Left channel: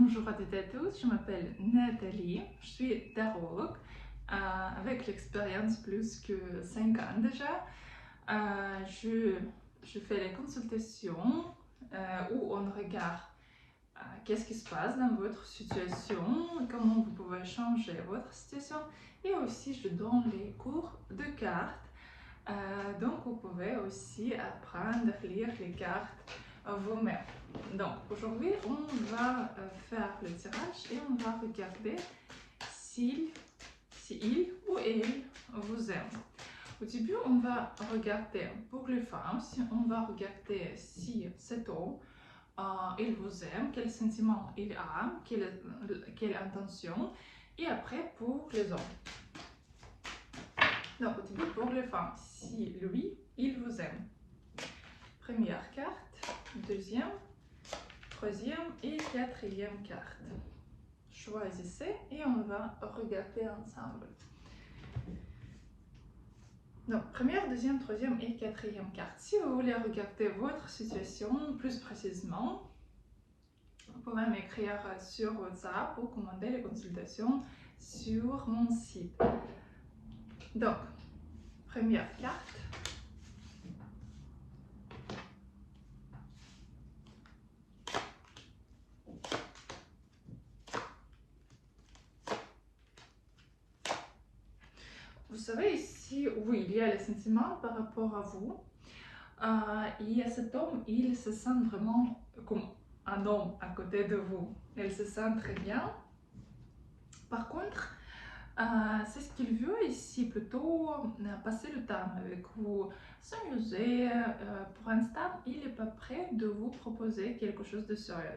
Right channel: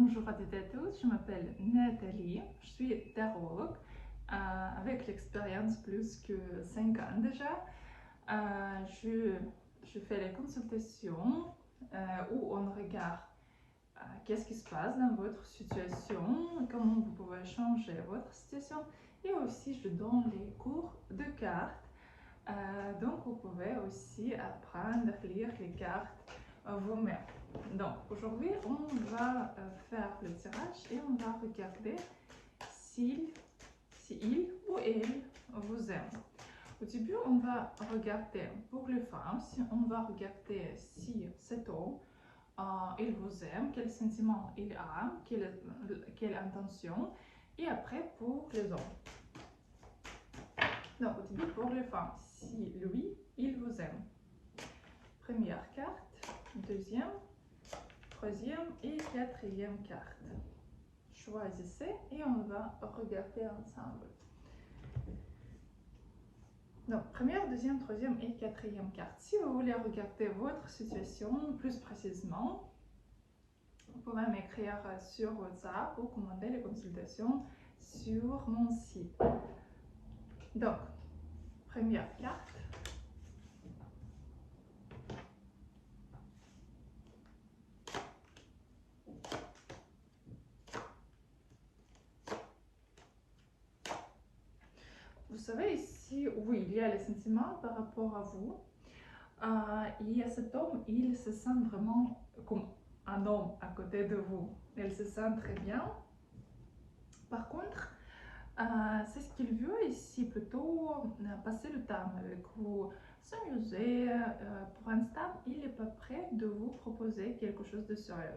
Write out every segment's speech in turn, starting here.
Bonjour à toutes et à tous, je m'appelle Nathalie, je suis tarologue avec l'expérience plus que 5 ans déjà. Je fais les consultations où on regarde qu'est-ce qui se passe dans votre situation, comment vous pouvez changer votre situation, et aussi je donne les cours de cartes. Donc vous pouvez aussi apprendre à lire les cartes vous-même. Donc aujourd'hui on va faire le tirage et on va regarder si il ou elle vous aime. Au début on va regarder pour les femmes, on va regarder si cet homme il vous aime, quel sentiment il a, quelle intention, et après pour les hommes. Donc au début pour les femmes, si lui il vous aime. Première carte, deuxième, troisième et quatrième carte. Choisissez et on va regarder ensemble. Donc, première, deuxième, troisième et quatrième carte. Si vous voulez regarder votre situation plus précisément, vous pouvez m'écrire sur WhatsApp ou commander les consultations sur mon site. Donc, première carte. Vous savez ici, oui, il y a les sentiments par rapport à vous. Et cet homme, il se sent vraiment comme un homme à côté de vous. Il se sent très bien. Par contre, c'est ce qu'il veut ici, plutôt passer le temps avec vous, s'amuser. Pour l'instant, il n'est pas prêt de vous proposer quelque chose de sérieux.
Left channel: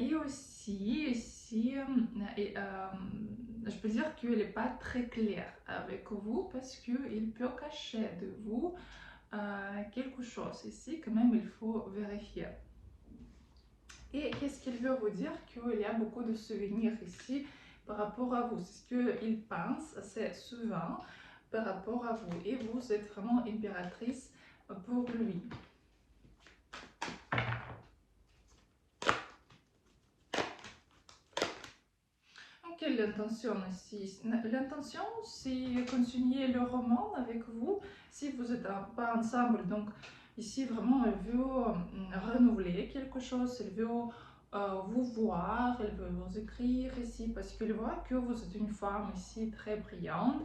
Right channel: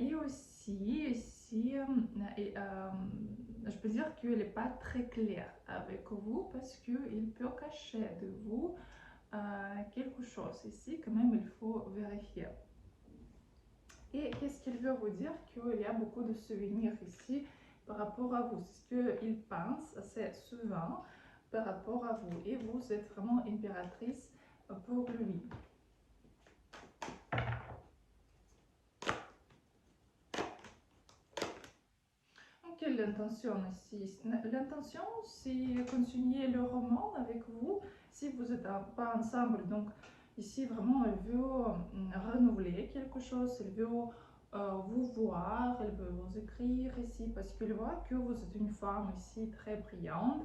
Et aussi, ici, je peux dire qu'il n'est pas très clair avec vous parce qu'il peut cacher de vous quelque chose. Ici, quand même, il faut vérifier. Et qu'est-ce qu'il veut vous dire? Qu'il y a beaucoup de souvenirs ici par rapport à vous. C'est ce qu'il pense assez souvent par rapport à vous. Et vous êtes vraiment impératrice pour lui. Quelle est l'intention ici? L'intention, c'est continuer le roman avec vous si vous n'êtes pas ensemble. Donc ici, vraiment, elle veut renouveler quelque chose, elle veut vous voir, elle veut vous écrire ici parce qu'elle voit que vous êtes une femme ici très brillante,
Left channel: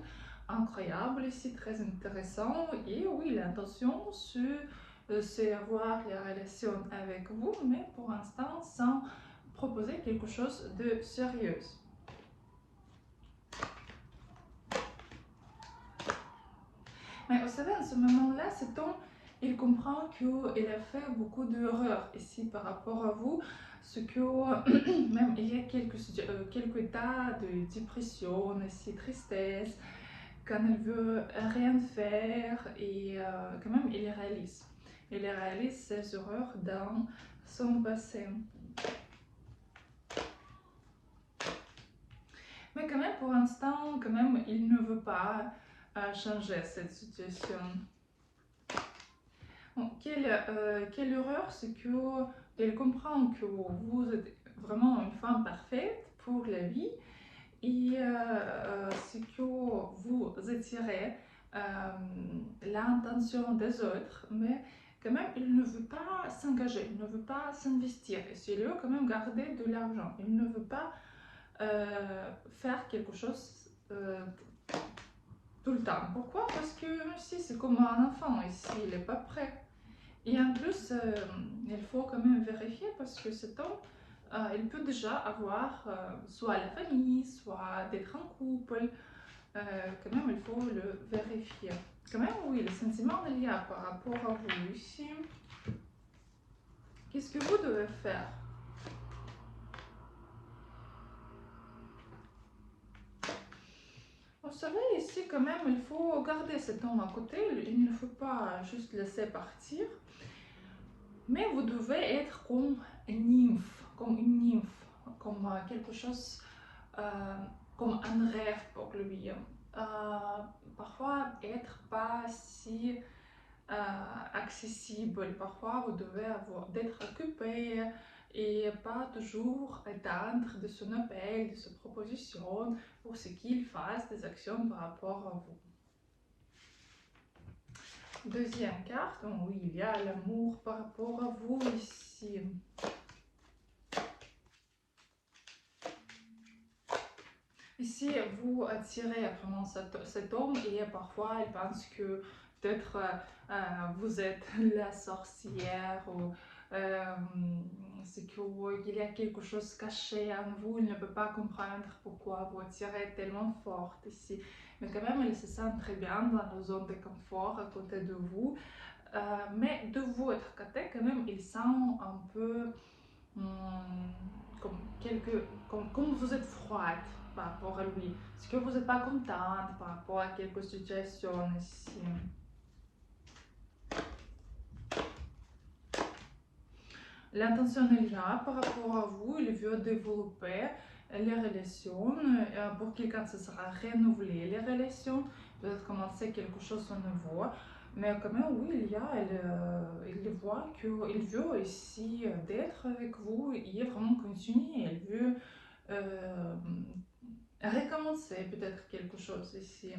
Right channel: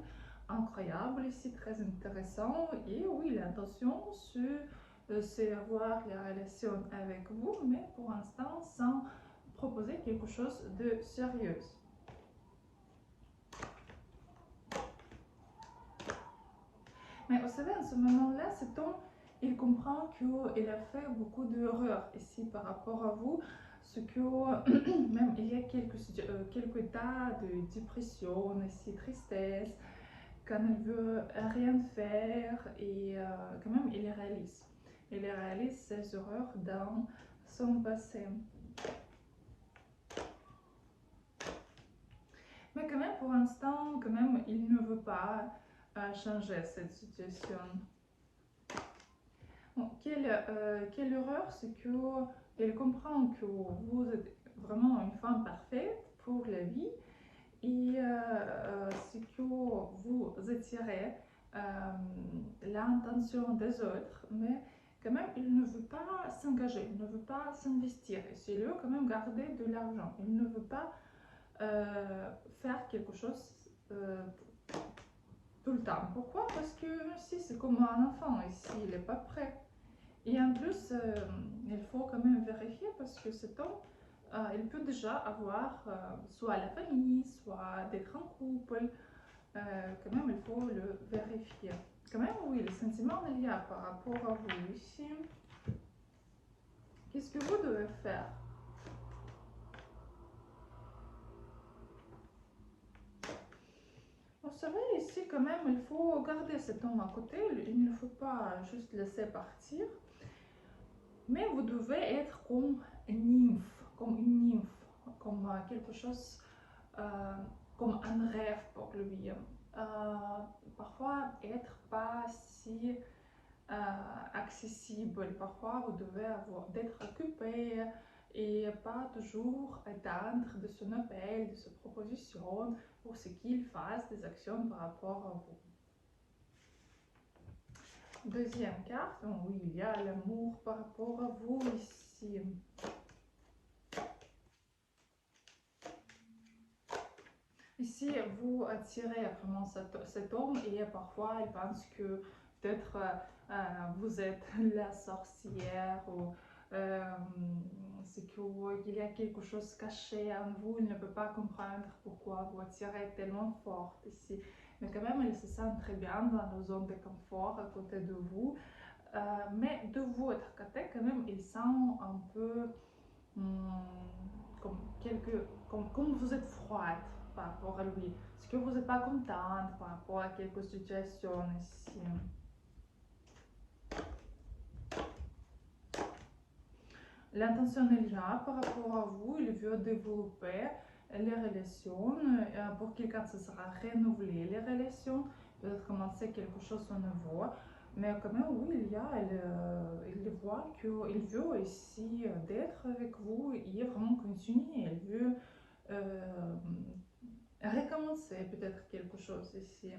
incroyable ici, très intéressante. Et oui, l'intention, c'est avoir la relation avec vous, mais pour l'instant, sans proposer quelque chose de sérieux. Mais vous savez, à ce moment-là, cet homme, il comprend qu'il a fait beaucoup d'erreurs ici par rapport à vous, ce que même il y a quelques états de dépression, ici, tristesse, quand il veut rien faire et quand même il réalise. Il réalise ses erreurs dans son passé. Mais quand même, pour l'instant, quand même, il ne veut pas changer cette situation. Bon, quelle erreur, c'est qu'elle comprend que vous êtes vraiment une femme parfaite pour la vie et c'est que vous attirez l'intention des autres, mais quand même il ne veut pas s'engager, il ne veut pas s'investir, et c'est lui quand même garder de l'argent, il ne veut pas faire quelque chose tout le temps. Pourquoi? Parce que ici c'est comme un enfant, ici il n'est pas prêt. Et en plus, il faut quand même vérifier parce que cet homme, il peut déjà avoir soit la famille, soit d'être en couple. Quand même, il faut le vérifier. Quand même, oui, le sentiment il y a par rapport à vous ici. Qu'est-ce que vous devez faire? Vous savez, ici, quand même, il faut garder cet homme à côté. Il ne faut pas juste laisser partir. Mais vous devez être comme une nymphe, comme quelque chose, comme un rêve pour lui. Parfois, être pas si accessible, parfois vous devez d'être occupé et pas toujours attendre de son appel, de sa proposition pour ce qu'il fasse des actions par rapport à vous. Deuxième carte, oui, il y a l'amour par rapport à vous ici. Ici, vous attirez vraiment cet homme et parfois il pense que peut-être vous êtes la sorcière ou c'est qu'il y a quelque chose caché en vous, il ne peut pas comprendre pourquoi vous attirez tellement fort ici. Mais quand même, il se sent très bien dans la zone de confort à côté de vous. Mais de votre côté, quand même, il sent un peu comme vous êtes froide par rapport à lui. Est-ce que vous n'êtes pas contente par rapport à quelques situations ici? L'intention est là par rapport à vous, il veut développer les relations. Pour quelqu'un, ce sera renouveler les relations, peut-être commencer quelque chose de nouveau. Mais quand même, oui, il voit qu'il veut ici d'être avec vous et vraiment continuer. Il veut recommencer peut-être quelque chose ici.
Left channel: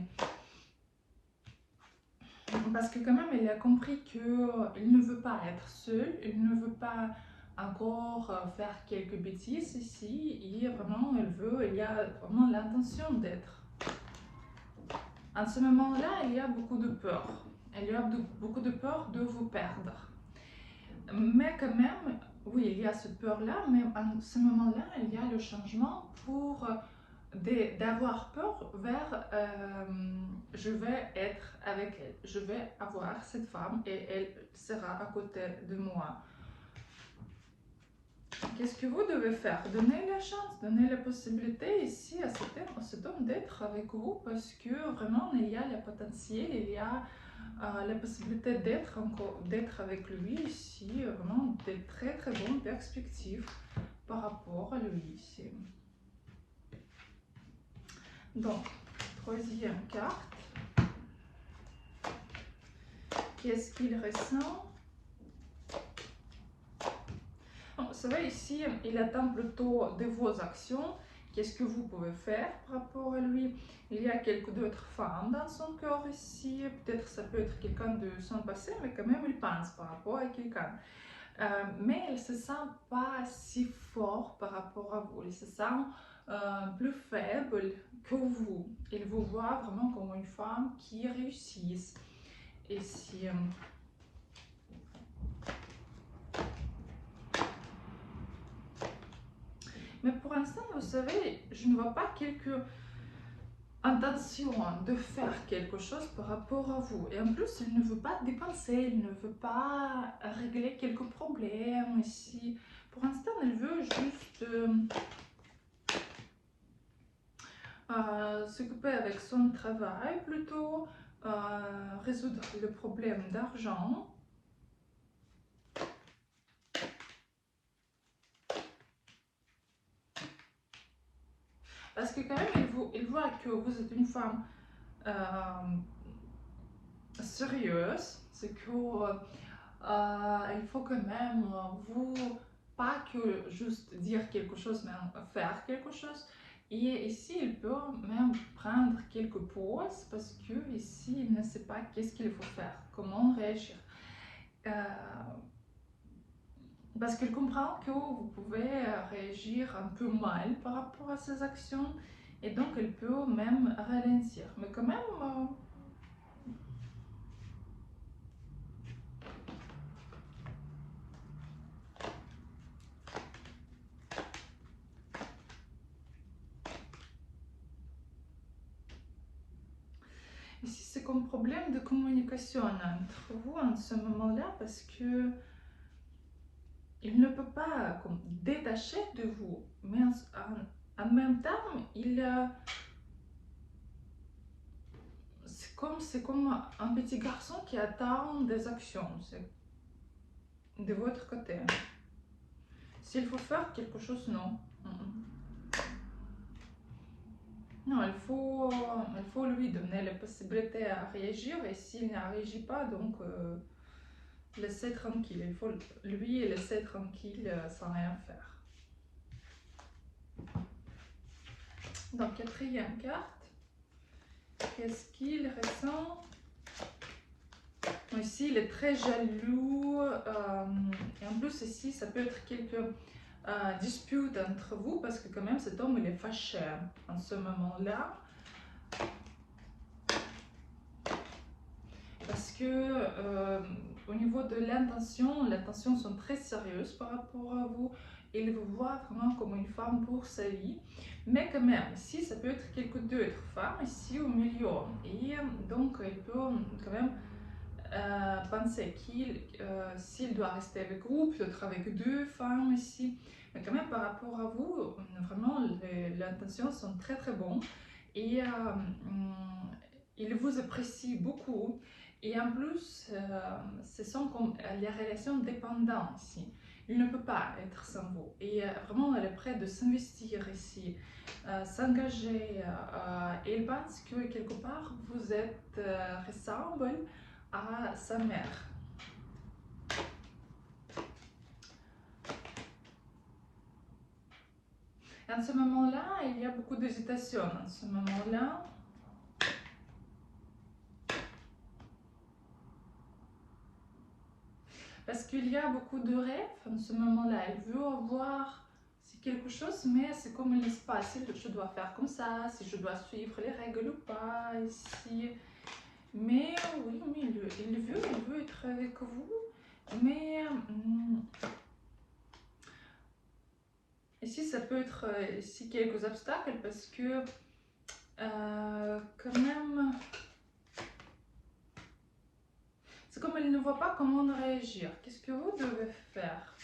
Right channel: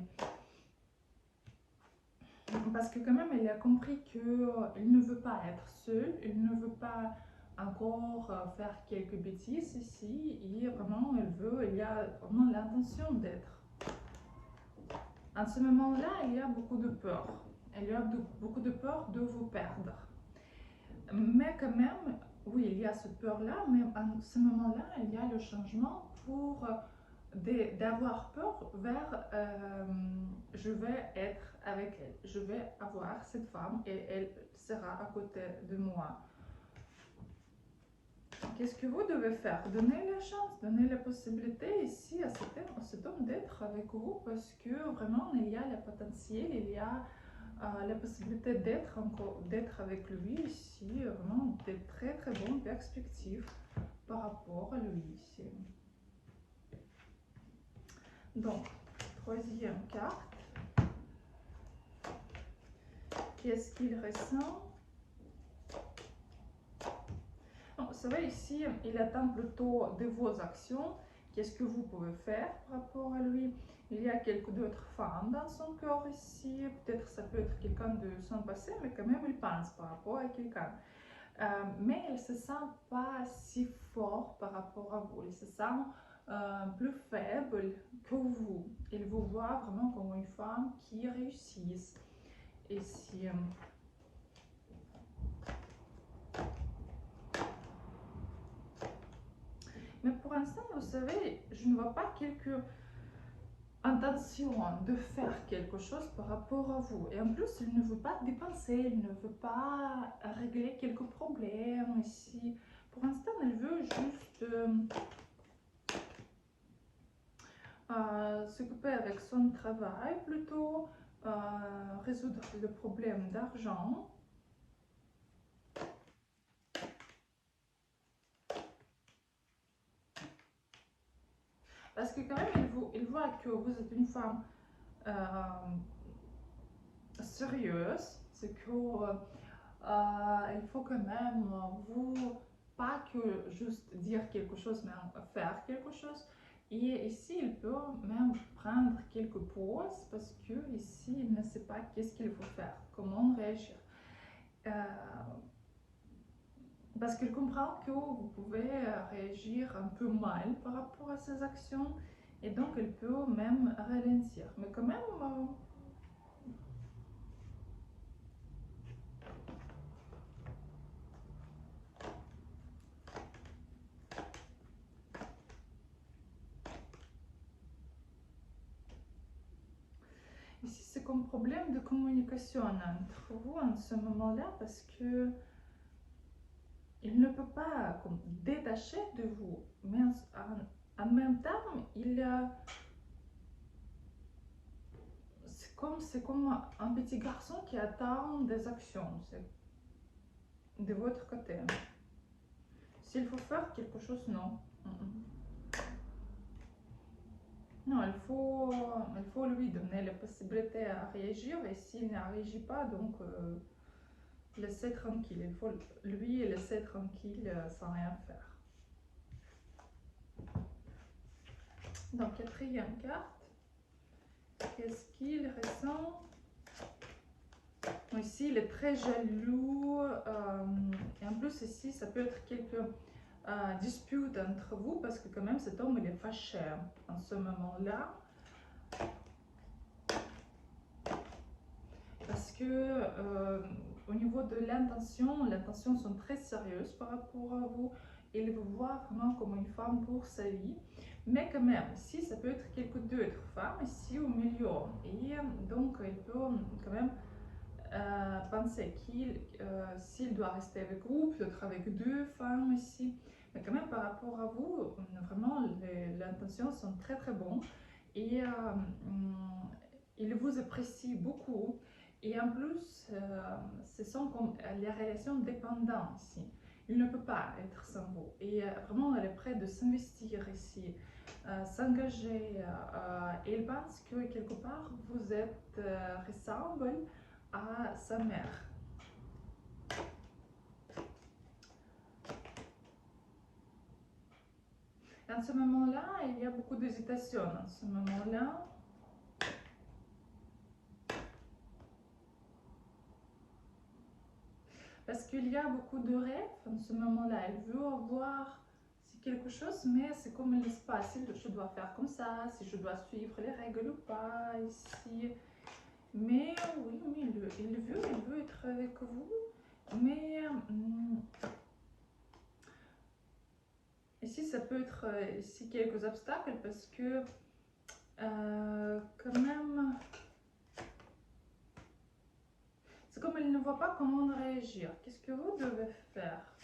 Parce que quand même, il a compris qu'il ne veut pas être seul, il ne veut pas encore faire quelques bêtises ici, et vraiment, il y a vraiment l'intention d'être. En ce moment-là, il y a beaucoup de peur. Il y a beaucoup de peur de vous perdre. Mais quand même, oui, il y a cette peur-là, mais en ce moment-là, il y a le changement pour d'avoir peur vers je vais être avec elle, je vais avoir cette femme et elle sera à côté de moi. Qu'est-ce que vous devez faire? Donner la chance, donner la possibilité ici à cet homme d'être avec vous, parce que vraiment il y a le potentiel, il y a la possibilité d'être avec lui ici, vraiment de très très bonnes perspectives par rapport à lui ici. Donc, troisième carte. Qu'est-ce qu'il ressent? Vous savez, ici, il attend plutôt de vos actions. Qu'est-ce que vous pouvez faire par rapport à lui? Il y a quelques d'autres femmes dans son corps ici. Peut-être ça peut être quelqu'un de son passé, mais quand même, il pense par rapport à quelqu'un. Mais il ne se sent pas si fort par rapport à vous. Il se sent plus faible que vous. Il vous voit vraiment comme une femme qui réussit. Ici. Mais pour l'instant, vous savez, je ne vois pas quelque intention de faire quelque chose par rapport à vous. Et en plus, il ne veut pas dépenser, il ne veut pas régler quelques problèmes ici. Pour l'instant, il veut juste s'occuper avec son travail plutôt, résoudre le problème d'argent. Parce que quand même, il voit que vous êtes une femme sérieuse, c'est que il faut quand même vous, pas que juste dire quelque chose, mais faire quelque chose. Et ici, il peut même prendre quelques pauses parce que ici, il ne sait pas qu'est-ce qu'il faut faire, comment réagir. Parce qu'il comprend que vous pouvez réagir un peu mal par rapport à ses actions et donc il peut même ralentir. Mais quand même, ici c'est comme problème de communication entre vous en ce moment-là parce que il ne peut pas comme, détacher de vous, mais en même temps, c'est comme un petit garçon qui attend des actions de votre côté. S'il faut faire quelque chose, non. Non, il faut lui donner la possibilité à réagir et s'il ne réagit pas, donc laisser tranquille. Il faut lui laisser tranquille sans rien faire. Donc, quatrième carte. Qu'est-ce qu'il ressent? Ici, il est très jaloux. Et en plus, ici, ça peut être quelques disputes entre vous parce que quand même, cet homme, il est fâché en ce moment-là. Parce que au niveau de l'intention, les intentions sont très sérieuses par rapport à vous. Il vous voit vraiment comme une femme pour sa vie. Mais quand même, ici, ça peut être quelques d'autres femmes ici au milieu. Et donc, il peut quand même penser qu'il, s'il doit rester avec vous, peut-être avec deux femmes ici. Mais quand même, par rapport à vous, vraiment, les intentions sont très très bonnes. Et il vous apprécie beaucoup. Et en plus, ce sont comme les relations dépendantes ici. Il ne peut pas être sans vous. Et vraiment, elle est prête de s'investir ici, s'engager. Et il pense que quelque part, vous êtes ressemble à sa mère. Et en ce moment-là, il y a beaucoup d'hésitation. En ce moment-là, parce qu'il y a beaucoup de rêves en ce moment-là. Elle veut avoir quelque chose, mais c'est comme il l'espace. Si je dois faire comme ça, si je dois suivre les règles ou pas, ici. Mais oui, il veut être avec vous. Mais ici, ça peut être ici quelques obstacles parce que quand même, c'est comme il ne voit pas comment réagir. Qu'est-ce que vous devez faire?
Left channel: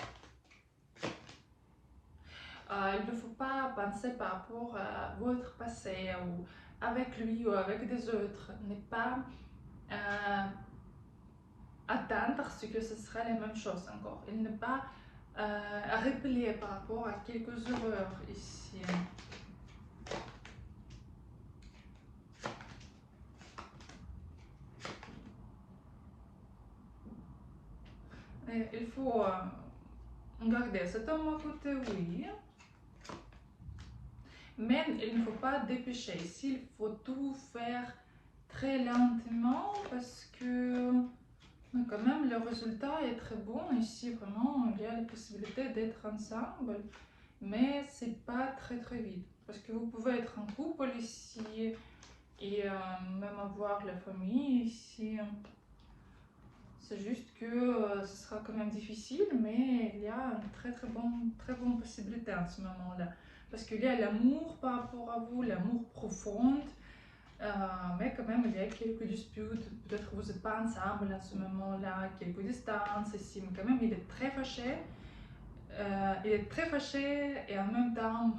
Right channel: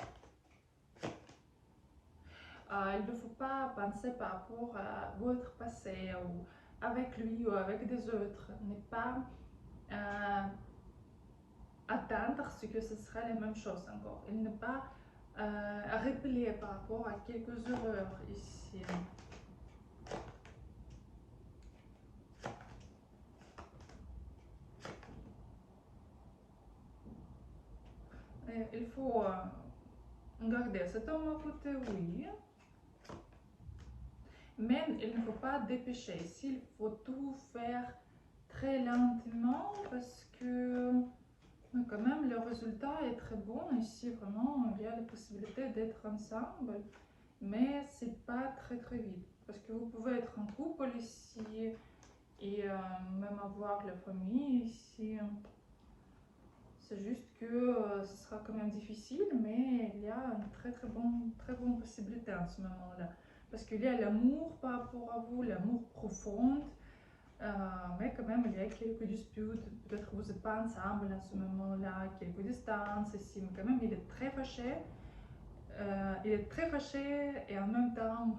Il ne faut pas penser par rapport à votre passé ou avec lui ou avec des autres. Ne pas attendre ce que ce sera la même chose encore. Il ne pas replier par rapport à quelques erreurs ici. Et il faut garder cet homme à côté, oui. Mais il ne faut pas dépêcher. Ici, il faut tout faire très lentement parce que quand même le résultat est très bon. Ici, vraiment, il y a la possibilité d'être ensemble, mais c'est pas très très vite. Parce que vous pouvez être en couple ici et même avoir la famille ici. C'est juste que ce sera quand même difficile, mais il y a une très bonne possibilité en ce moment-là. Parce qu'il y a l'amour par rapport à vous, l'amour profond, mais quand même il y a quelques disputes. Peut-être que vous n'êtes pas ensemble à ce moment-là, quelques distances ici, mais quand même il est très fâché. Et en même temps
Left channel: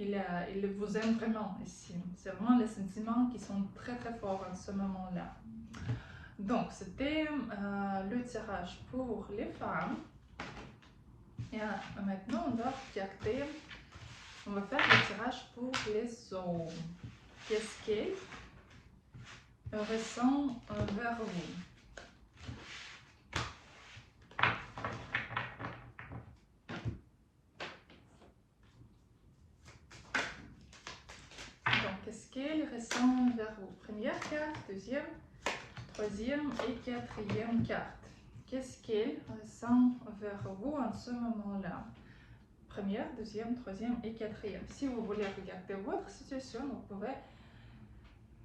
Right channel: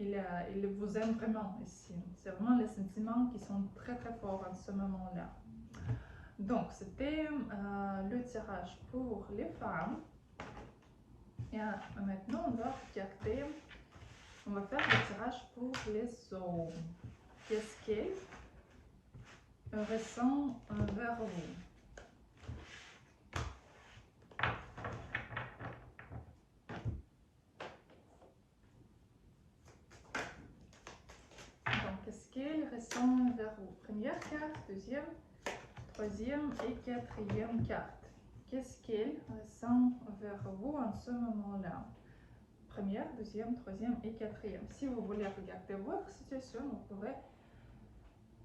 il vous aime vraiment ici. C'est vraiment les sentiments qui sont très très forts en ce moment-là. Donc, c'était le tirage pour les femmes. Et maintenant, on va regarder, on va faire le tirage pour les hommes. Qu'est-ce qu'ils ressentent vers vous? Donc, qu'est-ce qu'ils ressentent vers vous? Première carte, deuxième, troisième et quatrième carte. Qu'est-ce qu'ils ressentent vers vous en ce moment-là? Première, deuxième, troisième et quatrième. Si vous voulez regarder votre situation, vous pouvez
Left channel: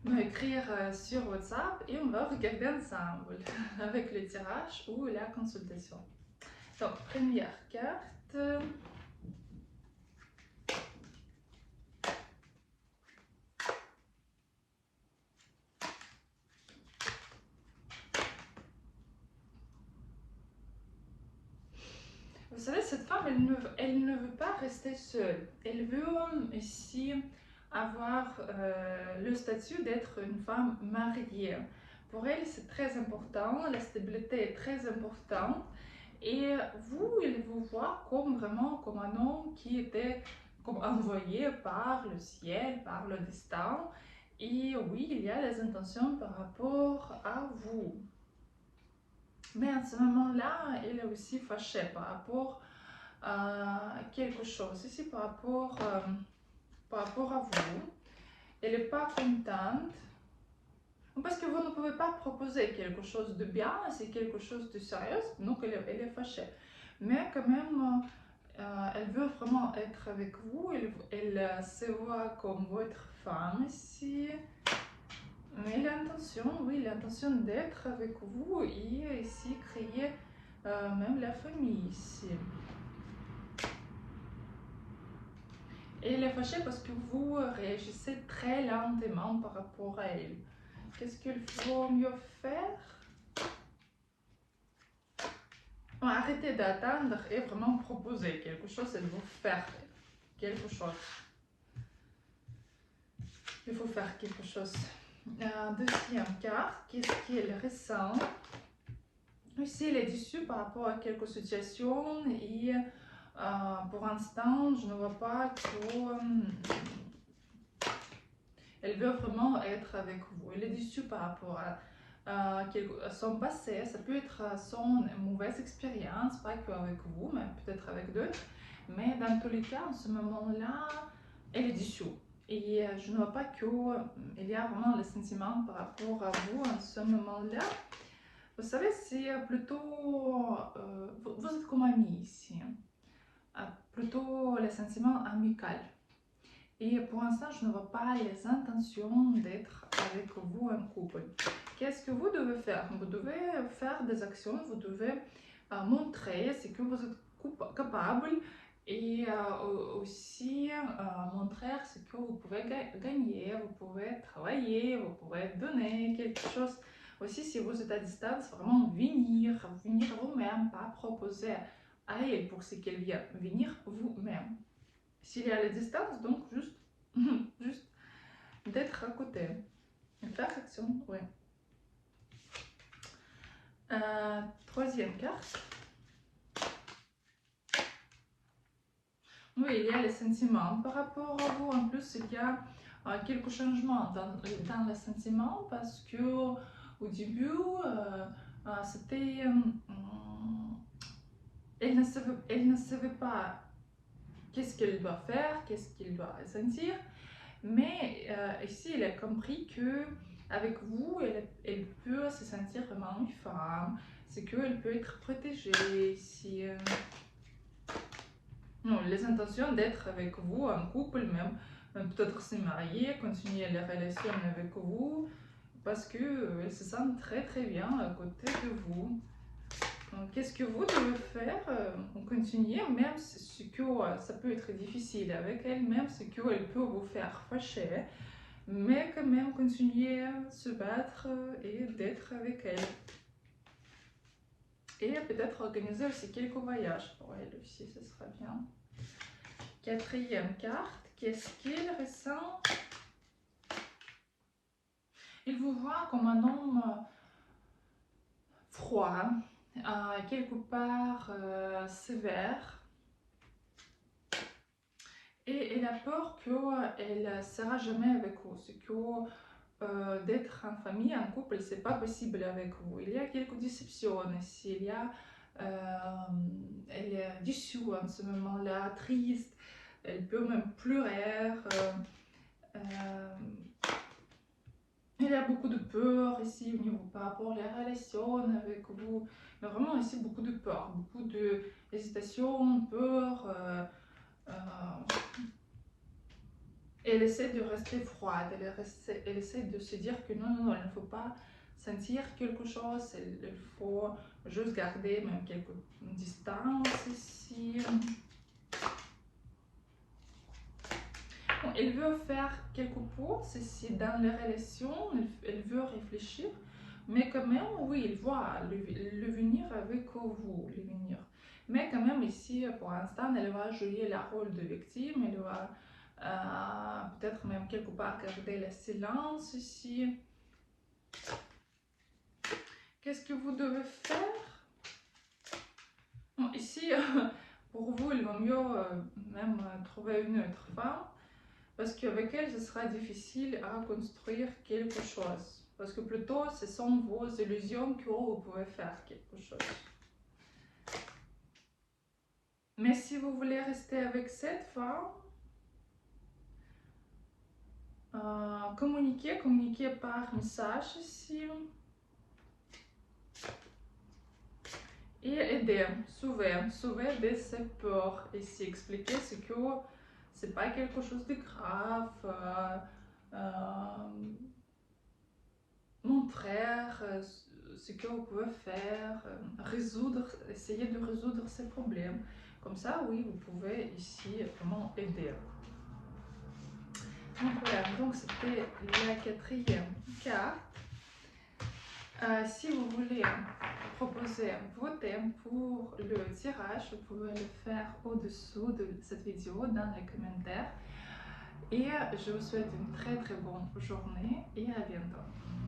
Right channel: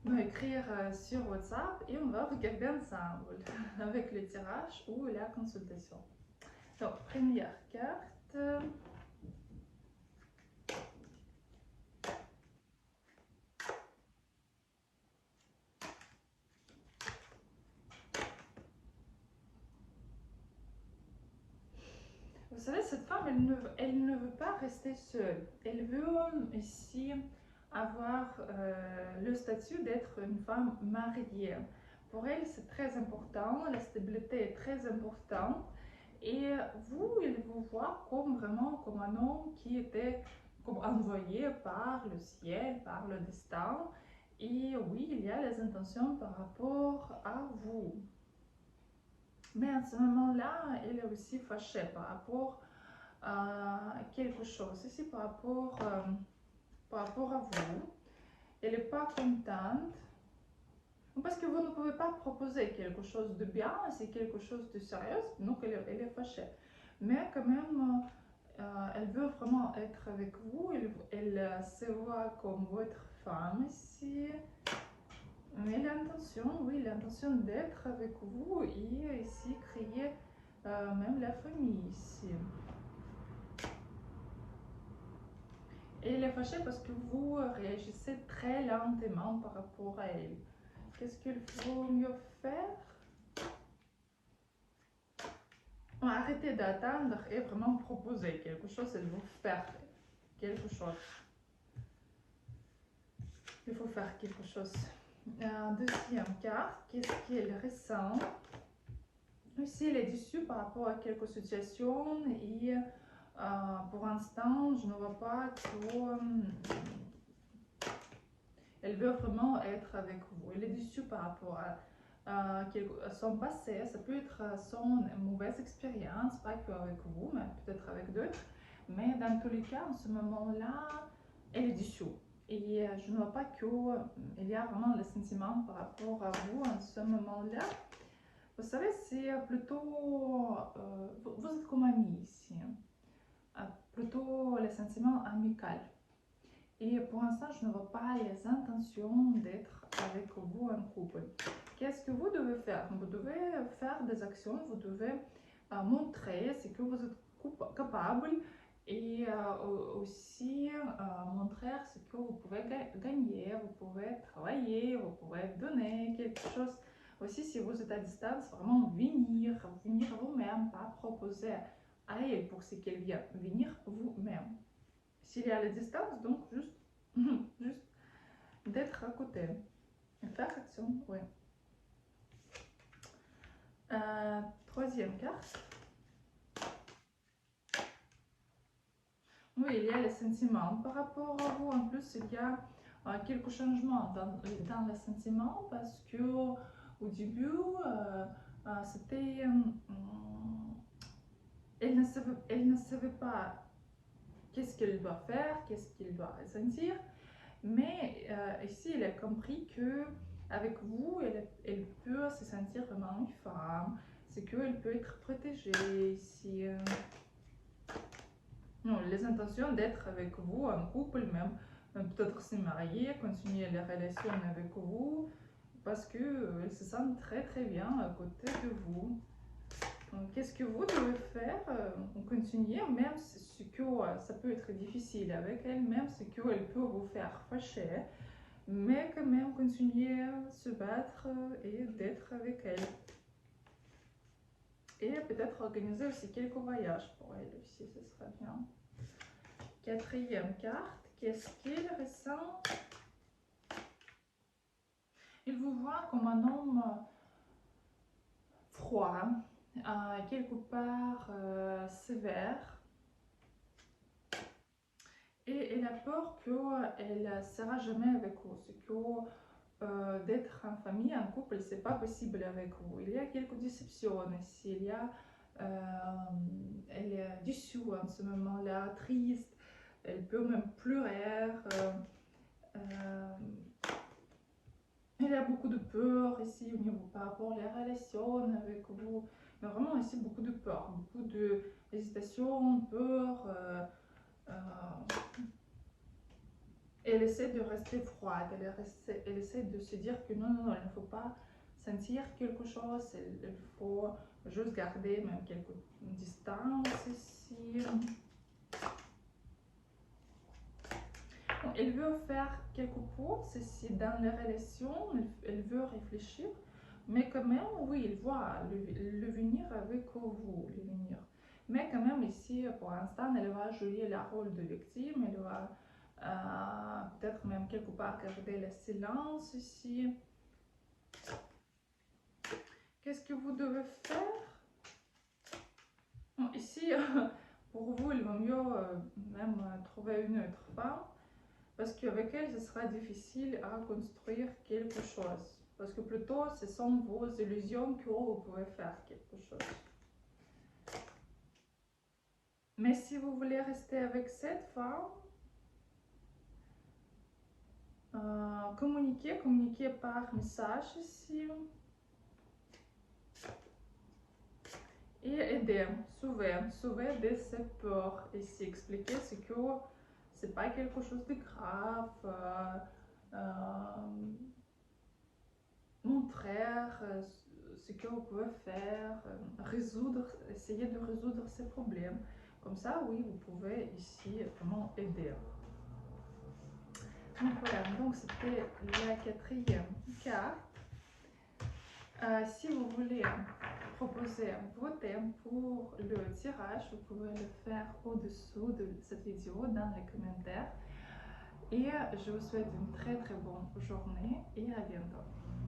me écrire sur WhatsApp et on va regarder ensemble avec le tirage ou la consultation. Donc, première carte. Vous savez, cette femme, elle ne veut pas rester seule. Elle veut ici avoir le statut d'être une femme mariée. Pour elle, c'est très important, la stabilité est très importante. Et vous, il vous voit comme vraiment comme un homme qui était comme envoyé par le ciel, par le destin. Et oui, il y a les intentions par rapport à vous. Mais à ce moment-là, elle est aussi fâchée par rapport à quelque chose. Ici, par rapport à vous, elle n'est pas contente. Parce que vous ne pouvez pas proposer quelque chose de bien, c'est quelque chose de sérieux, donc elle est fâchée. Mais quand même, elle veut vraiment être avec vous, elle se voit comme votre femme ici. Mais l'intention, oui, l'intention d'être avec vous et ici créer même la famille ici. Et elle est fâchée parce que vous réagissez très lentement par rapport à elle. Qu'est-ce qu'il faut mieux faire? Arrêtez d'attendre et vraiment proposer quelque chose, elle veut faire quelque chose. Il faut faire quelque chose. Deuxième carte, qu'est-ce qu'elle ressent? Ici, elle est déçue par rapport à quelques situations et pour l'instant, je ne vois pas que... elle veut vraiment être avec vous. Elle est déçue par rapport à son passé. Ça peut être son mauvaise expérience, pas qu'avec vous, mais peut-être avec d'autres. Mais dans tous les cas, en ce moment-là, elle est déçue. Et je ne vois pas qu'il y a vraiment le sentiment par rapport à vous en ce moment-là. Vous savez, c'est plutôt... vous êtes comme amis ici. Plutôt le sentiment amical. Et pour l'instant, je ne vois pas les intentions d'être avec vous en couple. Qu'est-ce que vous devez faire? Vous devez faire des actions, vous devez montrer ce que vous êtes capable et aussi montrer ce que vous pouvez gagner, vous pouvez travailler, vous pouvez donner quelque chose. Aussi, si vous êtes à distance, vraiment venir vous-même, pas proposer à elle pour ce qu'elle vient, venir vous-même. S'il y a la distance, donc juste d'être à côté. Faire action, oui. Troisième carte. Oui, il y a les sentiments. Par rapport à vous, en plus, il y a quelques changements dans les sentiments parce que au début, c'était... elle ne savait pas qu'est-ce qu'elle doit faire, qu'est-ce qu'elle doit sentir. Mais ici, elle a compris que avec vous, elle peut se sentir vraiment une femme. C'est qu'elle peut être protégée. Si, non, les intentions d'être avec vous en couple, même peut-être se marier, continuer la relation avec vous, parce qu'elle se sent très très bien à côté de vous. Qu'est-ce que vous devez faire? Continuer, même ce que ça peut être difficile avec elle, même ce qu'elle peut vous faire fâcher, mais quand même continuer à se battre et d'être avec elle. Et peut-être organiser aussi quelques voyages pour elle aussi, ce sera bien. Quatrième carte, qu'est-ce qu'il ressent? Il vous voit comme un homme froid, quelque part sévère. Et elle a peur qu'elle ne sera jamais avec vous. C'est que d'être en famille, en couple, c'est pas possible avec vous. Il y a quelques déceptions ici. Elle est déçue en ce moment-là, triste. Elle peut même pleurer. Il y a beaucoup de peur ici au niveau par rapport à la relation avec vous. Mais vraiment ici beaucoup de peur, beaucoup d'hésitation, peur. Elle essaie de rester froide, elle essaie de se dire que non, il ne faut pas sentir quelque chose, il faut juste garder même quelques distances ici. Bon, elle veut faire quelques pauses ici dans les relations, elle veut réfléchir, mais quand même, oui, il voit le venir avec vous, le venir. Mais quand même ici, pour l'instant, elle va jouer le rôle de victime, elle va peut-être même quelque part garder le silence ici. Qu'est-ce que vous devez faire? Bon, ici, pour vous, il vaut mieux même trouver une autre femme, parce qu'avec elle, ce sera difficile à construire quelque chose. parce que plutôt ce sont vos illusions que vous pouvez faire quelque chose. Mais si vous voulez rester avec cette femme, communiquez par message ici. Et aider, sauver de ses peurs ici, expliquer ce que c'est pas quelque chose de grave, montrer ce que vous pouvez faire, essayer de résoudre ces problèmes. Comme ça, oui, vous pouvez ici vraiment aider. Donc voilà, donc c'était la quatrième carte. Si vous voulez proposer vos thèmes pour le tirage, vous pouvez le faire au-dessous de cette vidéo dans les commentaires. Et je vous souhaite une très très bonne journée et à bientôt.